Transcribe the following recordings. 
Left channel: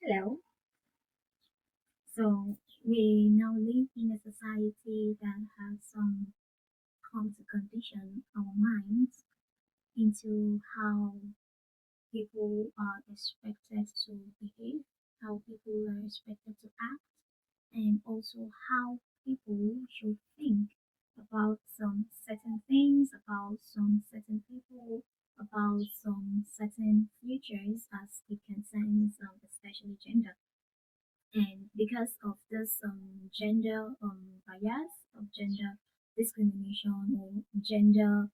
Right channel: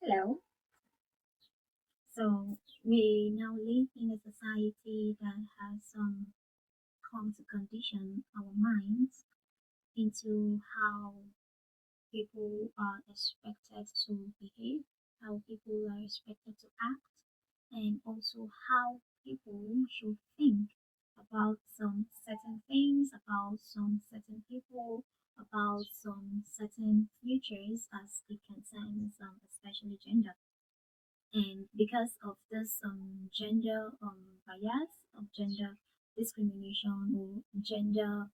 Hello. So we now live in a society that has come to condition our minds into how people are expected to behave, how people are expected to act, and also how people should think about some certain things, about some certain people, about some certain futures as it concerns especially gender. And because of this gender bias, of gender discrimination, or gender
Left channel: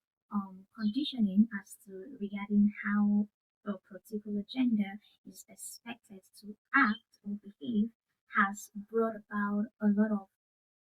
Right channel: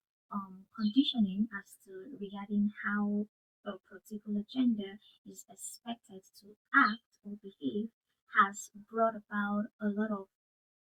conditioning as to regarding how a particular gender is expected to act or behave, has brought about a lot of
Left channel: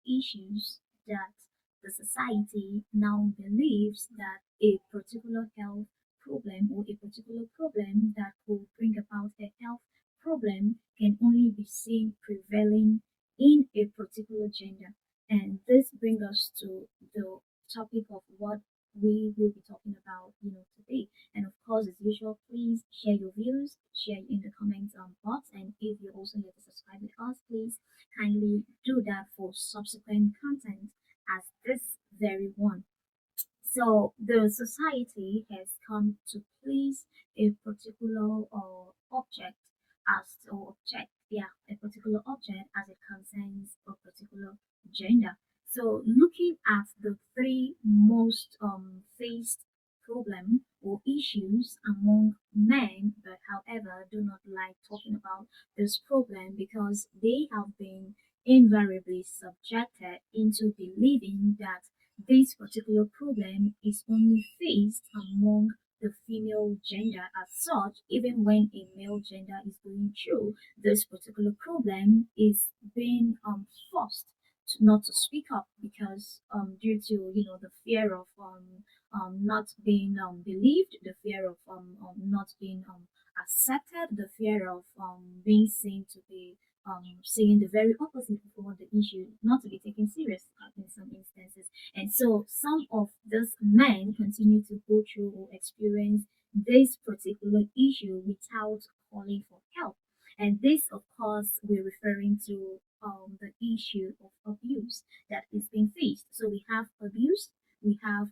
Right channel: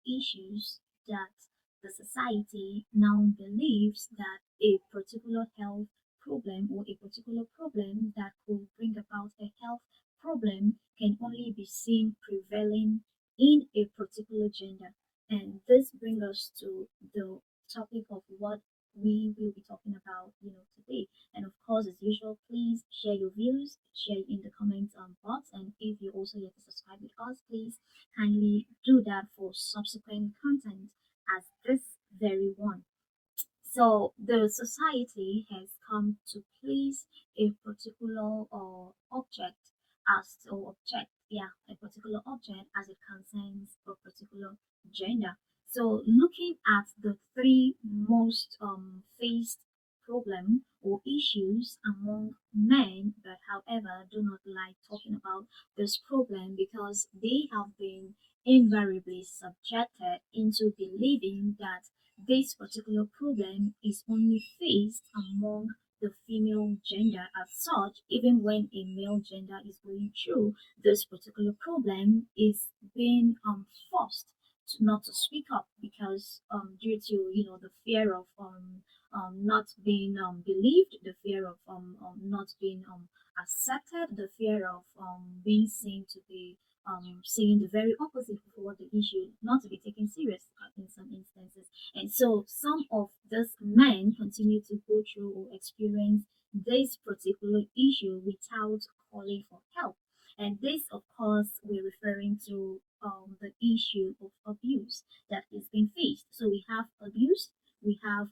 issues that the society now believes that a particular health problem or a particular problem that could bring about a health problem can only be seen prevailing in a particular gender. And this brings us to the topic of what we will be talking about, today. And of course, as usual, please share your views, share in the comments box. And if you're also yet to subscribe with us, please kindly do that for subsequent content as this very one. So the society has come to place a particular object a particular object as it concerns a particular gender. So looking at the three most faced problem or issues among men, but however do not like talking about this problem because they have been invariably subjected into believing that this particular problem is only faced among the female gender as such, even when a male gender is going through this particular problem, is being forced to not to speak up because due to the fear of not being believed, the fear of not being accepted, the fear of being seen to be saying the very opposite of what the issue, not to be taken serious in some instances. And so some of these men continue to go through or experience this particular issue without calling for help. And this, of course, we're referring to the issue of abuse that is being faced. So we have abuse, we have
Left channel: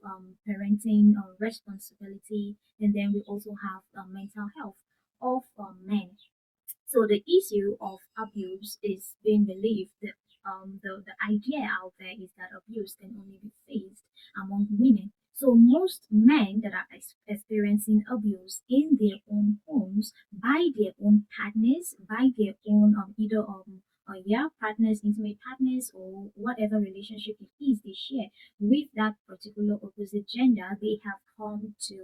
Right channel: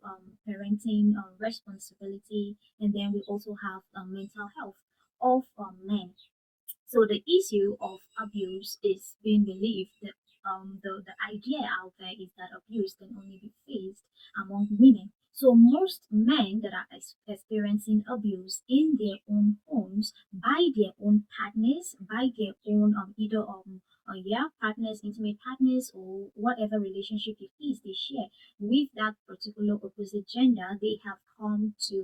parenting responsibility, and then we also have mental health of men. So the issue of abuse is being believed that the idea out there is that abuse can only be faced among women. So most men that are experiencing abuse in their own homes by their own partners, by their own either partners, intimate partners, or whatever relationship it is they share with that particular opposite gender, they have come to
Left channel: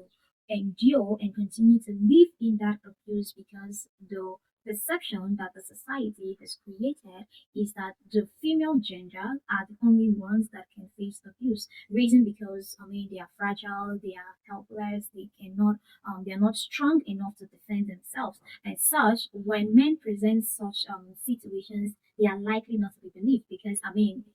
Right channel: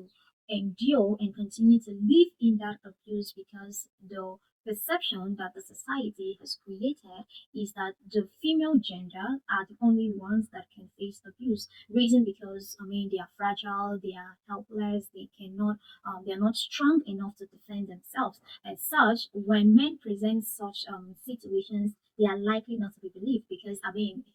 endure and continue to live in that abuse because the perception that the society has created is that the female gender are the only ones that can face abuse. Reason because they are fragile, they are helpless, they are not strong enough to defend themselves. As such, when men present such situations, they are likely not to be believed because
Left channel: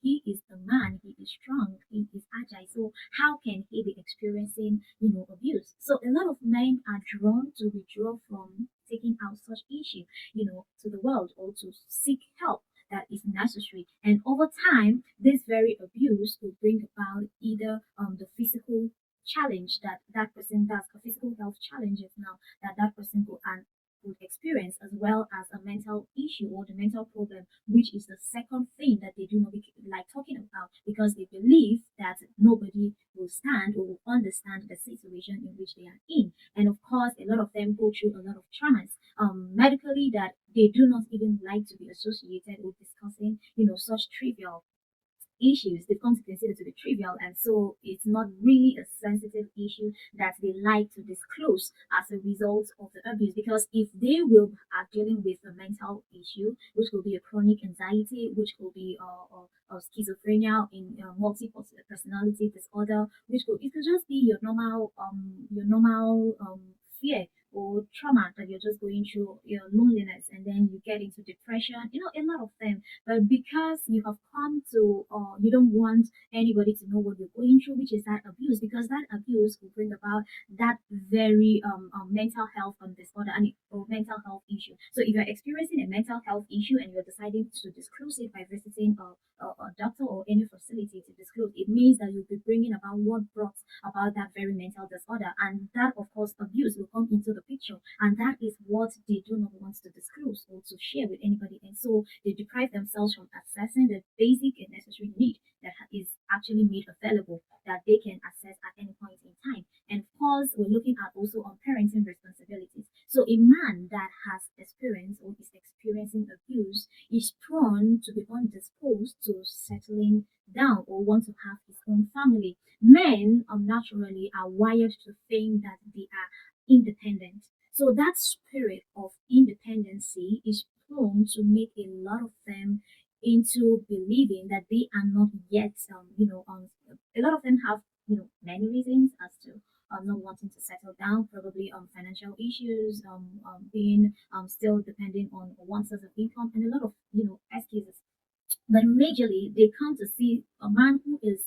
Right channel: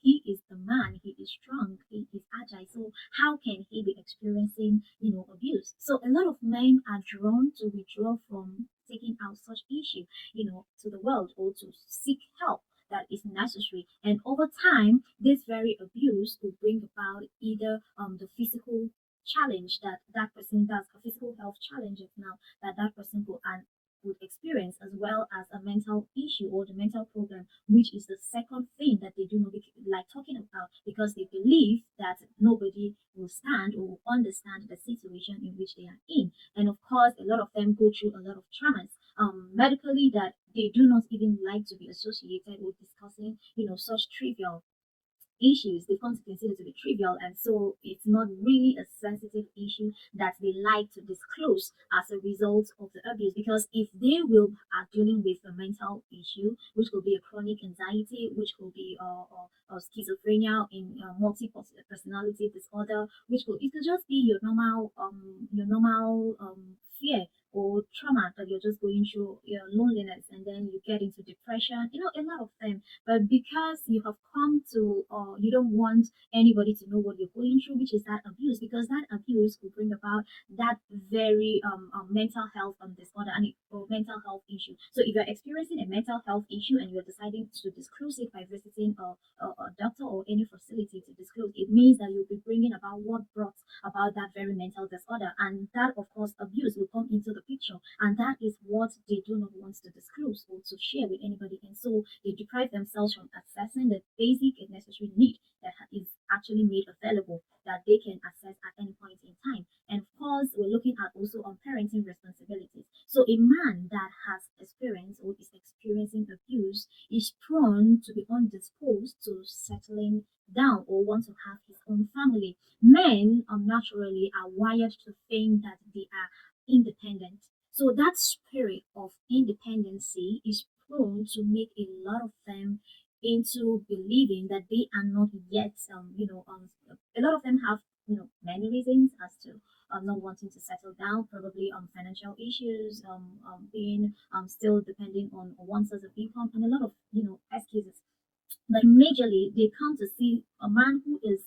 he is the man, he is strong, he is agile. So how can he be experiencing abuse? So a lot of men are drawn to withdraw from taking out such issue to the world or to seek help that is necessary. And over time, this very abuse will bring about either the physical challenge that that person does, the physical health challenges now that that person would experience, as well as a mental issue or the mental problem, which is the second thing that they do not like talking about because they believe that nobody will stand or will understand the situation in which they are in. And of course, a lot of them go through a lot of traumas medically that they do not even like to be associated with discussing, such trivial issues. They come to consider to be trivial, and so it's not really a sensitive issue that they like to disclose as a result of the abuse. Because if they will are dealing with a mental issue, which could be a chronic anxiety, which could be schizophrenia in multiple personality disorder, which could it could just be your normal fear or trauma that you're just going through, your loneliness, and then you get into depression, a lot of them. But because you have come to, you don't want anybody to know what you're going through, which is that abuse, because that abuse will bring about that very mental health disorder and or mental health issue. So if you're experiencing a mental health issue and you're deciding to disclose it by visiting a doctor or any facility to disclose, it means that you'll be bringing about what brought about that very mental disorder, and that of course abuse will come into the picture, and that is what they do not want to disclose or to share with anybody, and so they deprive themselves from accessing the basic and necessary need that is actually made available that they can access at any point in time. And of course, we're looking at also on parenting responsibilities. So a man that has experienced or is experiencing abuse is prone to be undisposed to settling down or want to have his own family. Men naturally are wired to think that they are independent. So that spirit of independency is prone to make a lot of them into believing that they are not yet, a lot of them have, many reasons as to not wanting to settle down, probably financial issues, being still depending on one source of income, and a lot of, excuses. But majorly, they come to see a man who is,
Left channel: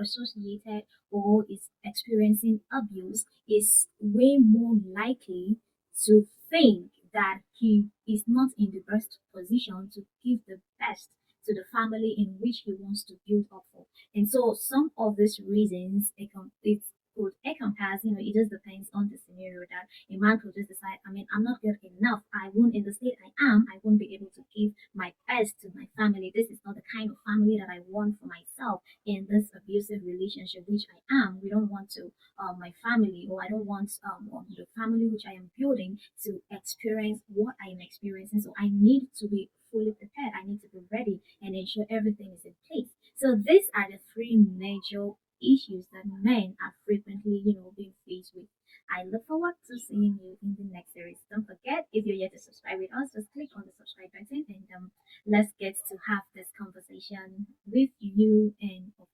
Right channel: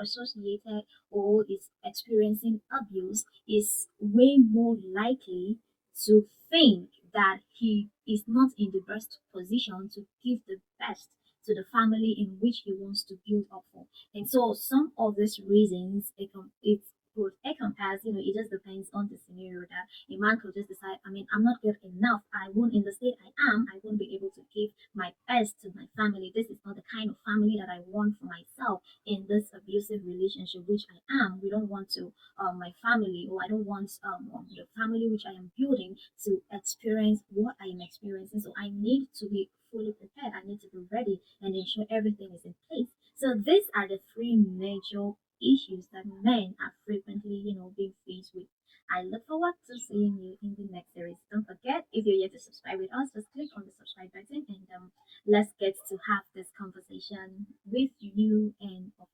associated or is experiencing abuse is way more likely to think that he is not in the best position to give the best to the family in which he wants to build up for. And so some of these reasons, it's could encompass, it just depends on the scenario that a man could just decide, I mean, I'm not good enough. I won't, in the state I am, I won't be able to give my best to my family. This is not the kind of family that I want for myself in this abusive relationship, which I am. We don't want to, my family, or I don't want the family which I am building to experience what I am experiencing. So I need to be fully prepared. I need to be ready and ensure everything is in place. So these are the three major issues that men are frequently, being faced with. I look forward to seeing you in the next series. Don't forget, if you're yet to subscribe with us, just click on the subscribe button and let's get to have this conversation with you and of